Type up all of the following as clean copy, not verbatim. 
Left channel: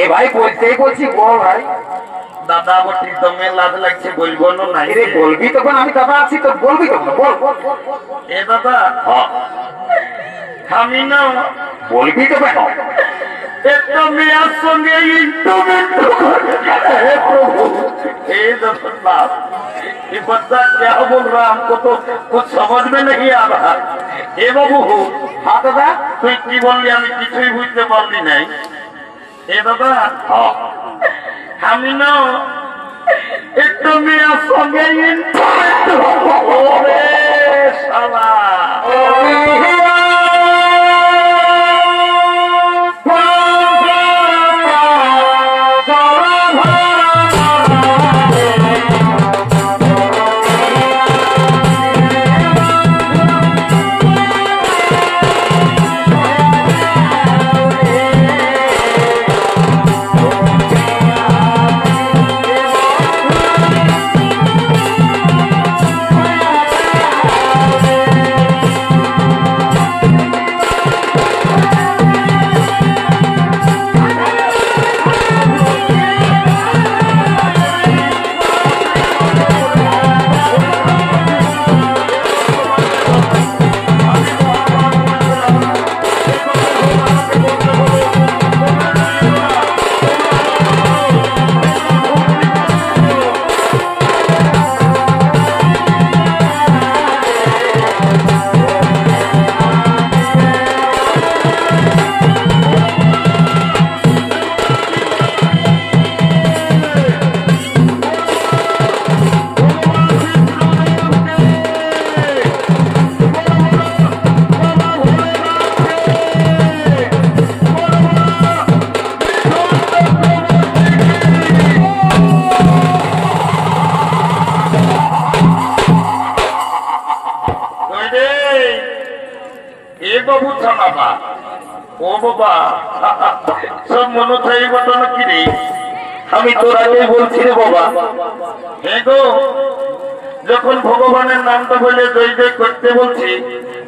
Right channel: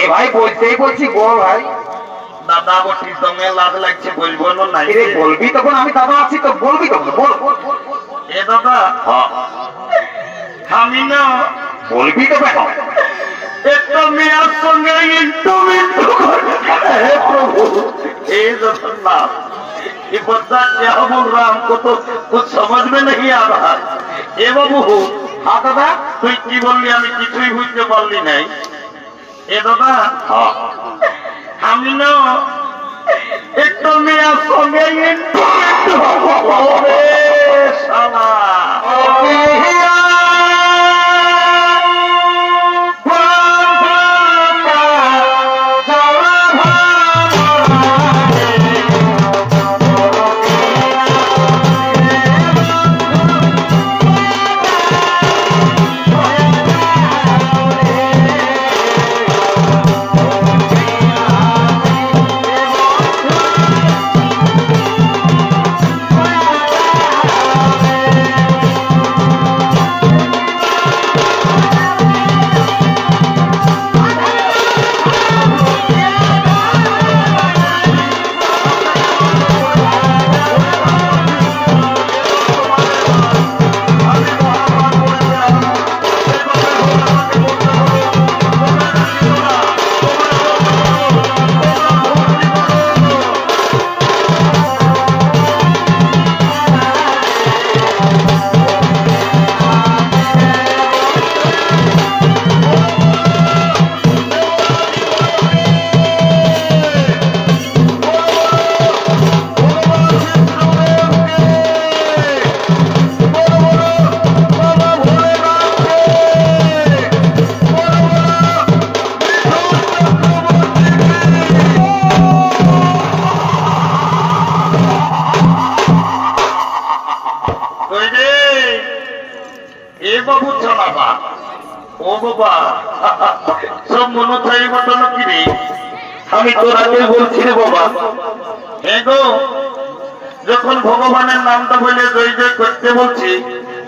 এ ভাই বলতেই বলছি বল ভাই। দাদা বটি তুমি লাজ লাগছে বলবো না নাই রে বলবি তখন আমি দাদা আছি তো বলবি তখন বল। এ দাদা আমি না বলবি তো ভাই। একটা মেয়ের সঙ্গে ইন্টারনেট ये जगन्नाथ ये बच्चा क्या बोल रहा हमको तो कुछ समझ में नहीं आ रहा ए बाबू हाँ दादा तुम की बोलली আমি কিছুই বুঝতে পারলি নাই এ দাদা আমি না একটা মেয়ের সঙ্গে ইন্টারনেট ওরে শালা सब मनो चाहिए घटना की আমি তোর আগে বলছি রে বাবা দেখো যখন ভগবানের নামটা বলে জয় জয় করতে বলছি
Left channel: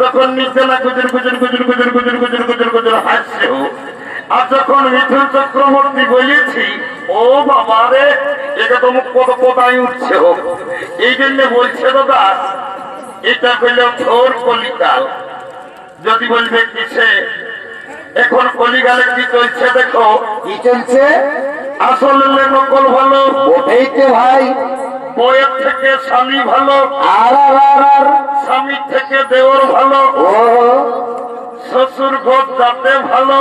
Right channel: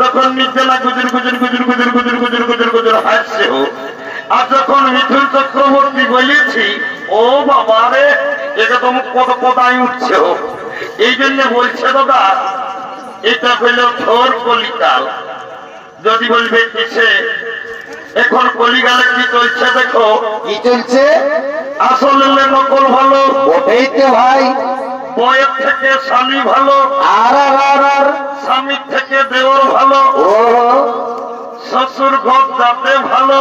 তখন নিজেরা গুজর গুজর গুজর গুজর গুজর গুজর গুজর গুজর হাসছে আর যখন মিথুন চক্রবর্তী বলেছি ও বাবা রে এটা তো মুখ কত কথাই উঠছে এই জন্য বলছে দাদা এটা হইল ঘোর কলিকাল যদি বলবে কিসে এখন কলিকালে কি চলছে দেখো কি চলছে আসলে নকল ভালো ওটাই তো ভাই বইয়ের থেকে স্বামী ভালো আর স্বামীর থেকে দেওর ভালো ও শ্বশুর ঘর যাতে ভালো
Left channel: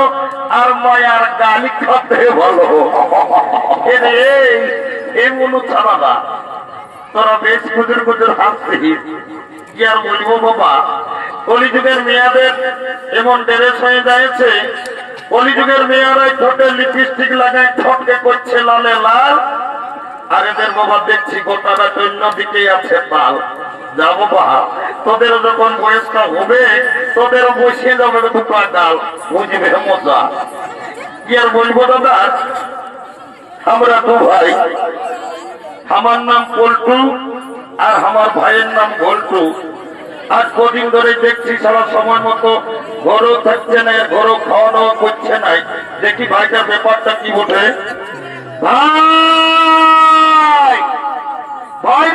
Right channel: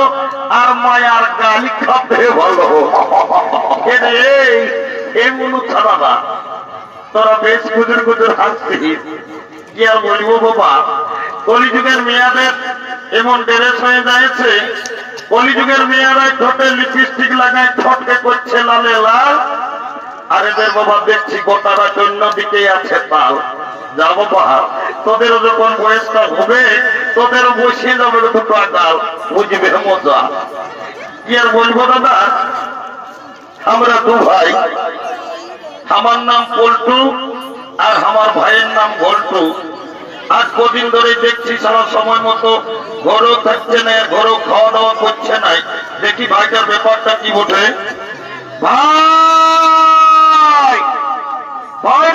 আর মায়ার গালি খাতে ভালো এই মনু ছাড়া না তোরা বেশ গুজর গুজর হাসছি কি আর বলবো বাবা কলিযুগের মেয়াদের এমন ড্রেস হয়ে যাচ্ছে কলিযুগের মেয়েরা ঠোঁটে লিপস্টিক লাগায় ঠোঁটকে করছে লালে লাল আর এদের বাবা দেখছি গোটারা অন্যদিকেই আছে তাল যা বাবা তোদেরও যখন বয়সটা হবে তোদেরও বসিয়ে যাবে দুটো গাল বুঝবে মজা কি আর বলবো দাদা আমরা দু ভাই আমার নাম পল্টু আর আমার ভাইয়ের নাম ভল্টু আজ কদিন ধরে দেখছি সারা সময় মতো ঘরও থাকছে না ঘরও খাওয়া দাওয়া করছে না দেখি ভাইটার ব্যাপারটা কি বটে ভাই ভাই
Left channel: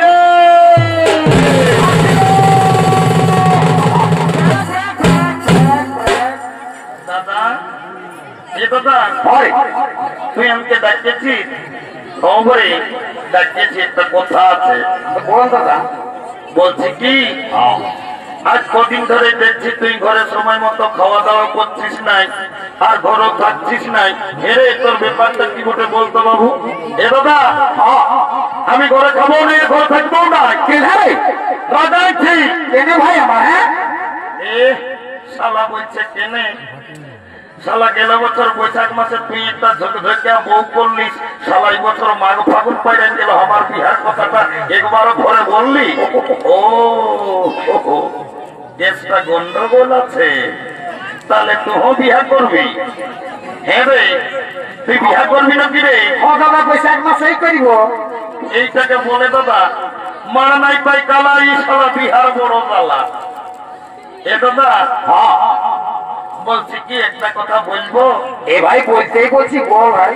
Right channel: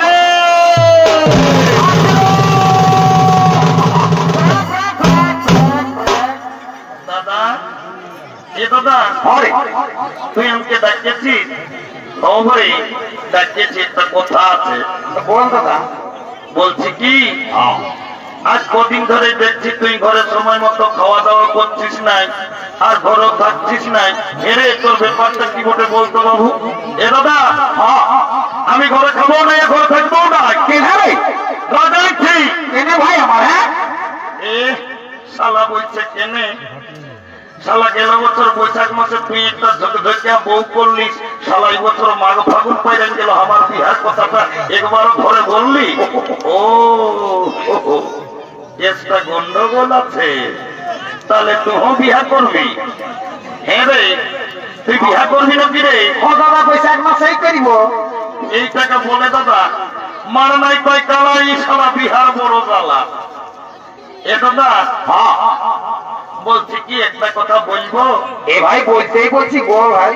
দাদা এ দাদা তুই আমাকে ডাকিয়েছিস খবরে ডাকিয়েছি একটা কথা আছে কোন কথা বলছি কি আজ কদিন ধরে দেখছি তুই ঘরে সময় মতো খাওয়া দাওয়া করছিস নাই আর ঘরও থাকছিস নাই হেরে তোর ব্যাপারটা কি বটে বলতো বাবু এ দাদা আমি ঘরে খাবো না ঘরে থাকবো না কেনে ভাই আমার হ্যাঁ এ শালা বলছে কেনে শালা গেল বছর বৈশাখ মাসে তুই একটা ঝকঝকিয়া বউ করলিস শালা এই বছর মাঘ ফাগুন পাইলেন গেল আমার বিহার কথাটা একবারও ঘরে বললি ও দেশটা গন্ডগোল আছে তাহলে তুই বিহা করবি হ্যাঁ রে তুই বিহা করবি না কি রে দাদা বৈশাখ মাসেই করিব এইটাকে বলে দাদা মার নাই পাই কালা এই শালা বিহার বড় জ্বালা এ দাদা বলছি কি একটা কথা বলবো? এ ভাই বলতেই বলছি, বল ভাই।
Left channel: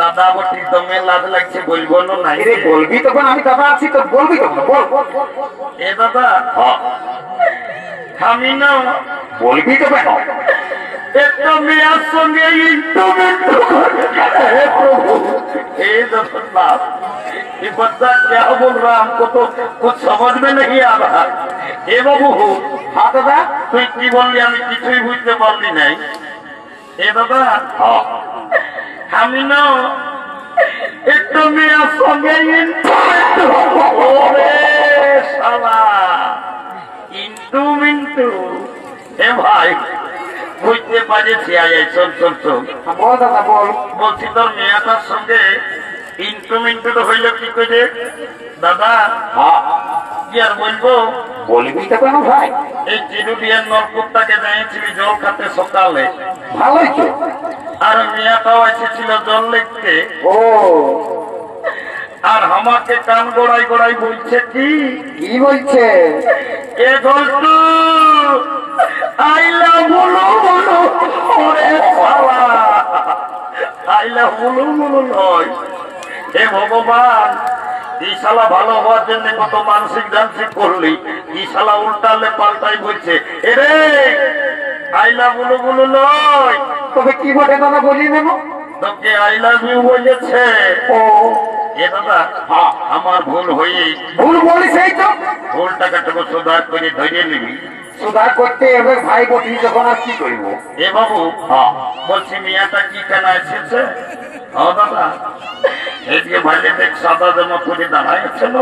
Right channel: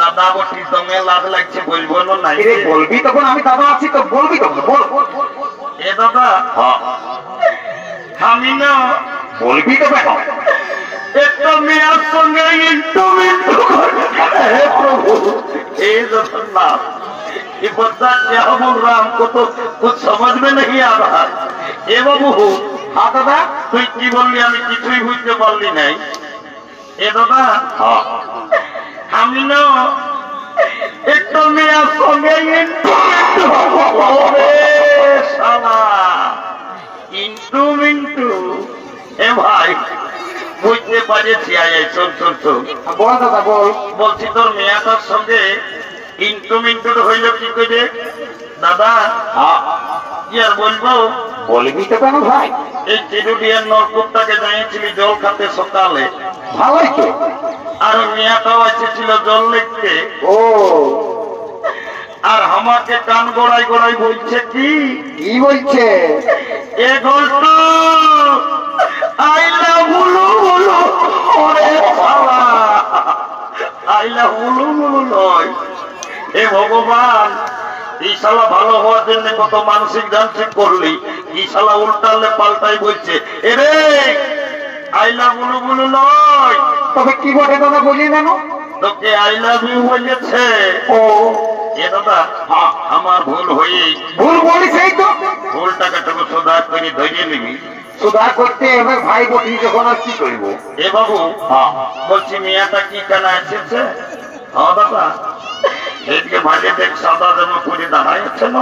দাদা আমার ঠিক তো মেয়ে লাজ লাগছে, বলবো না নাই? এ বলবি তখন, আমি দাদা আছি তো, বলবি তখন, বল। এ দাদা, আমি না বলবি তো কেন? একটা মেয়ের সঙ্গে ইন্টারমেন্ট हे जगन्नाथ, ये बच्चा क्या बोल रहा है, हमको तो कुछ समझ में नहीं आ रहा। ए बाबू, हाँ दादा, তুই কি বললি আমি কিছুই বুঝতে পারলি নাই। এ দাদা, আমি না একটা মেয়ের সঙ্গে ইন্টু এ ভাই বুঝতে পারছি। শোন শোন শোন, বল দাদা বল। বলছি তোর মেয়েটার সঙ্গে ইন্টু হইল কি করে দাদা? কি আর বলবো, বলবি তো কেন ভাই? এই চিরুডিয়ার নলকূপটাকে জানিয়েছিলি জল খাতে সকালে, ভালোই তো। আর মেয়েটাও এসেছিল জল লিখতে। ও, আর আমাকে কান গোড়াই গোড়াই বলছে কি বলছে? এ গল্প আইলা বুলু বুলু, ওরে শালা আইলা বুলু বুলু নয়। হে ভগবান, এই শালা ভালো হওয়ার জন্য কত মানসিক যান্ত্রিক করলি, এই শালা উল্টালে পাল্টাই বলছে এরে আইলা বুলু বুলু নয়। তবে কি বলে দাদা, বলিয়ে নেব। তোকে আই লাভ ইউ বলেছে। ও এ দাদা, আমার ভুল হয়েই, ভুল বলিস, এই তো ভুলটাকে তোকে সুধার করে ধরিয়ে নিবি। সুধার করতে এবার ভাই বটি, যখন আর কি করব। এ বাবু, বলছি মিয়াটা কি কেন এসেছে? হ্যাঁ দাদা, এদিকে ভাইলে দেখ সাদা জামা পরে দাঁড়াইছিল,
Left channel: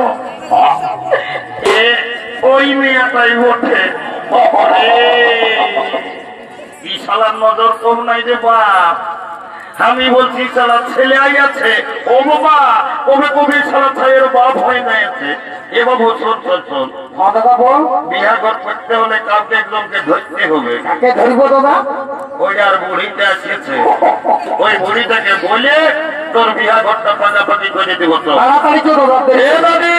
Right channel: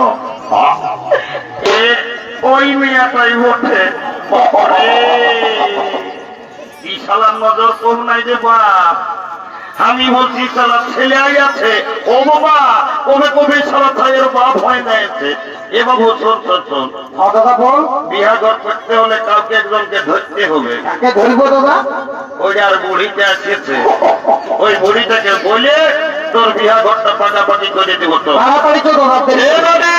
ওই মিয়াটাই ওঠে। কি শালার নজর কম নাই রে বাপ। আমি বলছি শালা ছেলে আই আছে, ও বাবা কবে কবে শালা ছাইয়ের বাপ হয় না আছে। এ বাবু শোন শোন শোন, হ্যাঁ দাদা বল। বিয়া ঘর করতে হলে কাউকে একজনকে ধরতে হবে। কাকে ধরবো দাদা? ওই আর বুড়িতে আসিয়েছে, ওই বুড়িটাকে বলে তোর বিয়া ঘরটা পাকাপাকি করে দিব। তো তাড়াতাড়ি তো দাদা।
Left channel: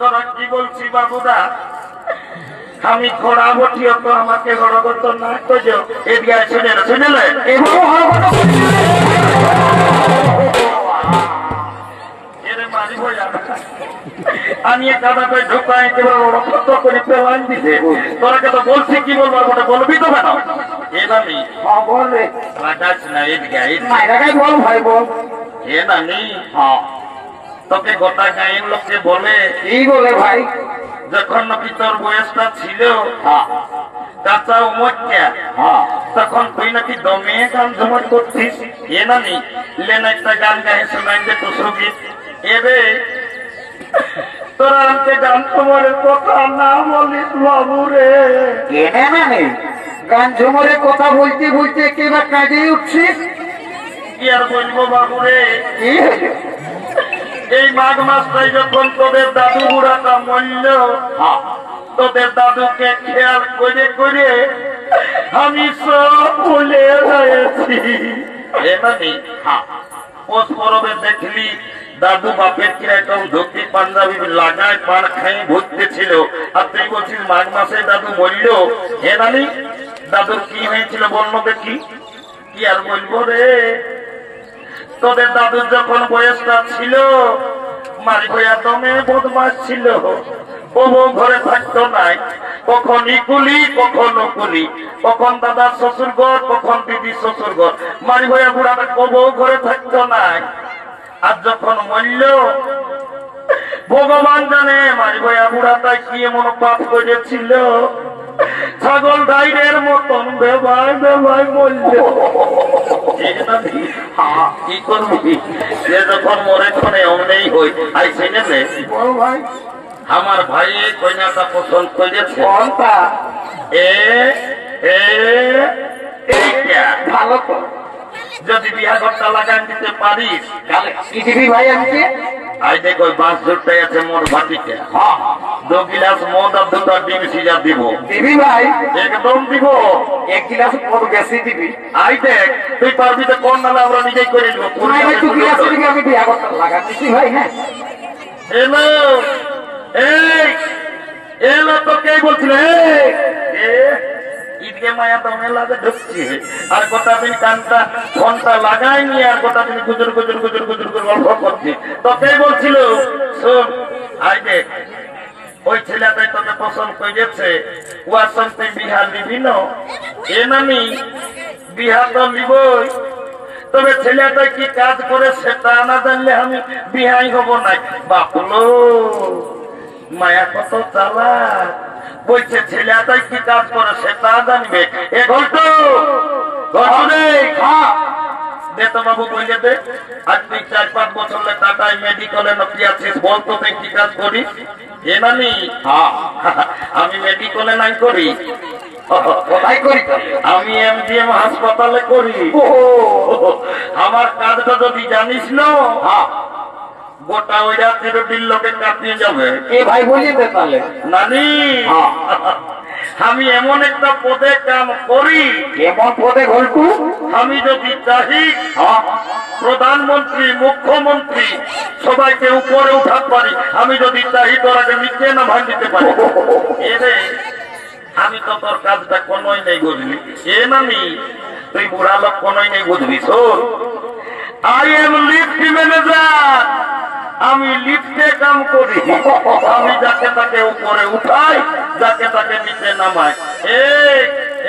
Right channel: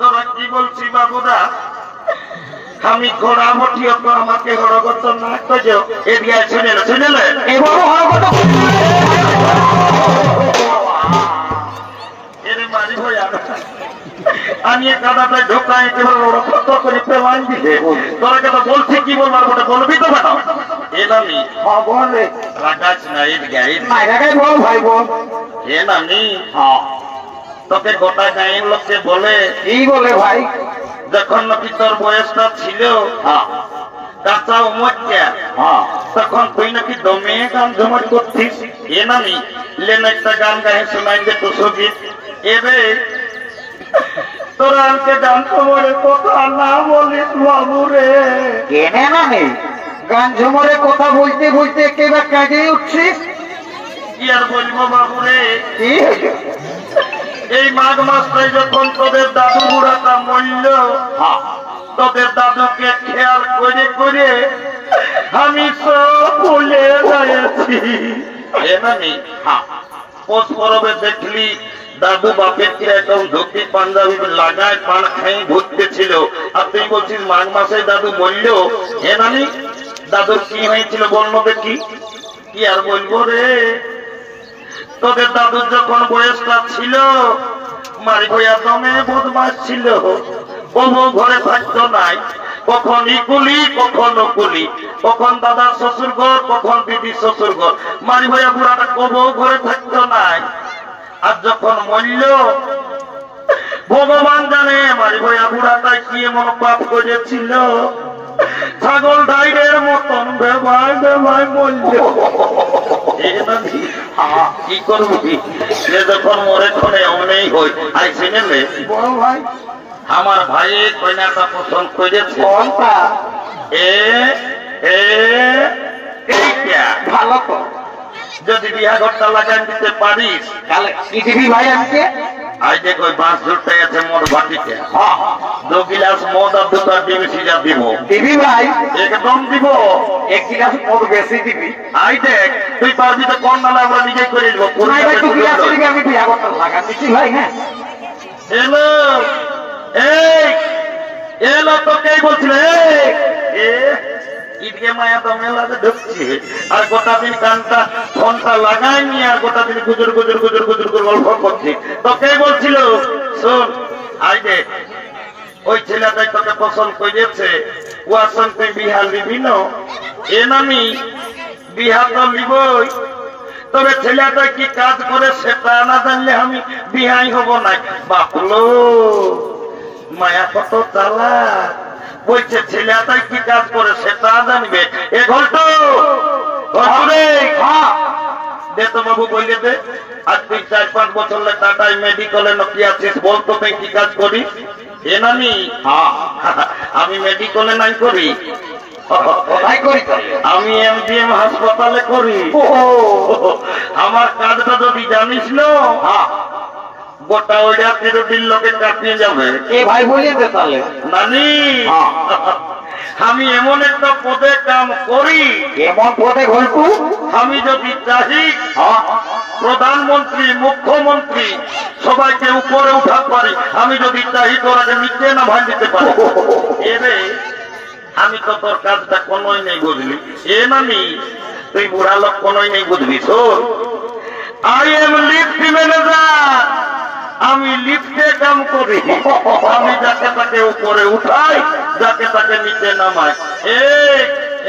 তোরা কি বলছি বাবুরা, আমি ঘোড়া বটিও তো আমাকে হরগত না করছো। এদিকে শুনে শুনেলে এরে মারি ভয়া, আমি কাদাটাই ঢোকায় একেবারে ওরা কত করে পেলাম দিছে। তোরা তো বলছি কি বলবার ওটা বলবি তো কেন? এভাবে বল রে। মাকাস না এদিকে বল ভাই বল। এ নানি, তোকে গোটা গাঁয়ের লোককে বলে কি বলে ভাই? যখন নাকি তোর বয়সটা ছিল কাঁচা উমরটা, তখন তুই নাকি দমে গান জমট করছিস। এ নানি লেন একটা গান গায়ে শোনাই দে টুসো গীত। এবে তোরা আমাকে গান তোমার কথা না বলিস বাবু রে। কেনে নানি গান ঝুমরের কথা বলতে বলতে একেবারে কাজে উঠছিস। কি আর বলবো বাবু রে, কি এই মাঘ মাসটাই যখন তোদের দাদু বুড়াটা মরল, তোদের দাদুকে খেয়াল করে করে আমি সব ভুলে গেছি। পৌষ পরবে দেখলি দাদু বাপের কিরকম ধুতি পাঞ্জাবি লাগায় পান খাই ঘুরতে ছিল, আর তুই বলছিস মাঘ মাসে দাদু মরল। হে নানি, দাদুর কি হয়েছিল বন্য দেখি। কি আর বলবো রে, তোদের দাদুর যখন বয়সটা ছিল মারি ভয়া দমে বদমাস ছিল। ও ঘরে থাকতো নাই, কখন ইকুলি কখন ওকুলি, কখন দাদার শ্বশুর ঘর কখন দিদির শ্বশুর ঘর। মারি ভয়া বুড়াটা কবু ঘরে থাকতো নাই। আর যখন মরল ভগবান জানে মারি ভয়া বুড়াটা কি এমন পাপ করেছিল, ছাগল ডাইরের মতন বেবায় বেবায় মরল। কি করবি, সে যখন মরে ক্ষণে অমনেই হই। আই শুনেলে বল ভাই। আমার ভাই কন্যাটা পছন্দ করেছে। কোনটা? এইটা ভালো তো। যদি বিয়া ঘরটা লাগাই দিতে পারিস কি দিবি ভাই আমাকে? আই দেখ ওই বাঁশ ধরতে আছে মদ ভাটিতে, 2 গিলাস মদ আর 2টা ডিম সিজা দিব। দিবি ভাই? একদম দিব। 1 গিলাস মদ বেশি দিবি। আই দেখ তুই পারবি তো, কোন নালে আমরা নিজেই করে নিব। ভাই 2 গিলাস দিবি, আমি বিয়া করতে লাগা দিছি ভাই। হ্যাঁ এলো এই এলো তোকেই বলছিল ঈদকে মায়া তো মেলাতে ঢুকছে আর গোটা দিন কানটা ফোনটা লাগাই নিয়ে আর গোটা দিন গুজর গুজর গুজর গুজর করে গল্প করছি তোকেই বলছিল শোন আইবে ওই ছেলেটাই তোকে পছন্দ করেছে ওয়াসন তুই বিহার দিবি না এ নামি বিহার তো নিবই তবে ছেলেটা কি কাজ করে সেটা না জানলে আমি বিহাই হব না বাপলো মায়া কত চালা বলছে ছেলেটা কি কাজ করে সেটা জানবে এ ঘটু বাবু বললে দে আজ তুই 4-5 বছর টাটায় মেডিকেলে নকি আছিস বলতো তুই কি কাজ করিস এ নামি আমি মেডিকেলে নাই করি আমি এমডিএম হাসপাতালে করি আমার কাজটা যদি জানিস না গোটা ওইটা 13 লোকে কাটিয়ে যাবে এ ভাই বলিয়ে বেপালে নানি আমি এমন একটা পদে কাম করি এমন পদে ঘটু আমি যদি চাহি প্রধানমন্ত্রী মুখ্যমন্ত্রী সবাইকে উপরে উঠাতে পারি আমি যদি চাহি তোরাকে নিচে না ভাই দিতে পারি এরে আমি তো তোর কাজটা কোনোই নেই বুঝলি এ নামি তুই বুড়া লোক কোনোই নেই বুঝবি শোন আই এম লিফট ম্যানেজার আমি লিফটে কাম করি আমি যাকে তাকে উপরে উঠাই যাকে তাকে নিচে নামাই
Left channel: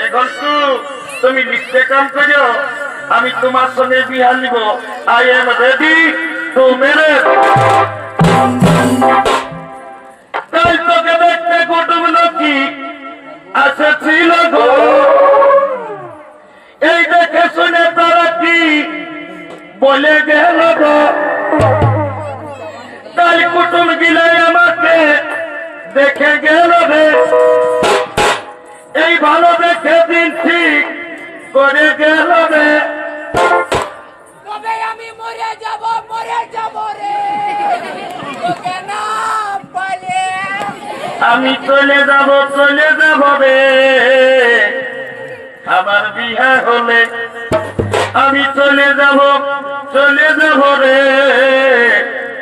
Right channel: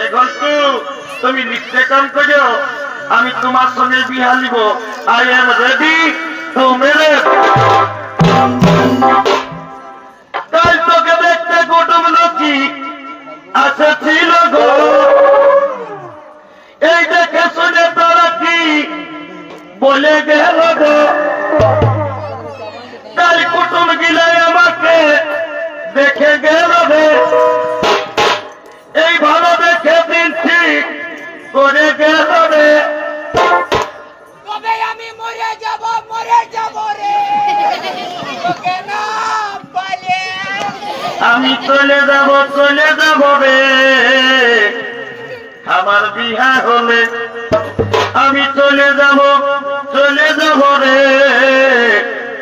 এখন তুমি লিফটে কাম করো আমি তোমার সঙ্গে বিহার নিব I am ready to marriage কাল তোকে দেখতে কুটুম লোকি আসেছিল গো এই দেখে শুনে তারা কি বলে গেল গো কাল কুটুম গিলাই আমাকে দেখে গেল রে এই ভালো দেখে দিন ঠিক করে গেল রে তবে আমি মরে যাব রে তোকে না পালে আমি চলে যাব রে আমার বিয়ে হলে আমি চলে যাব রে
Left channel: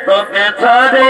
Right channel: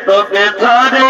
তোকে ছাড়ে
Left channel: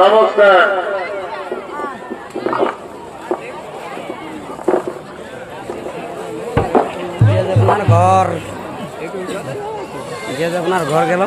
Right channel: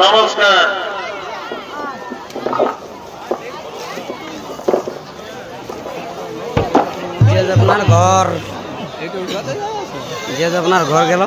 নমস্কার আপনার ঘর আপনার ঘর গেল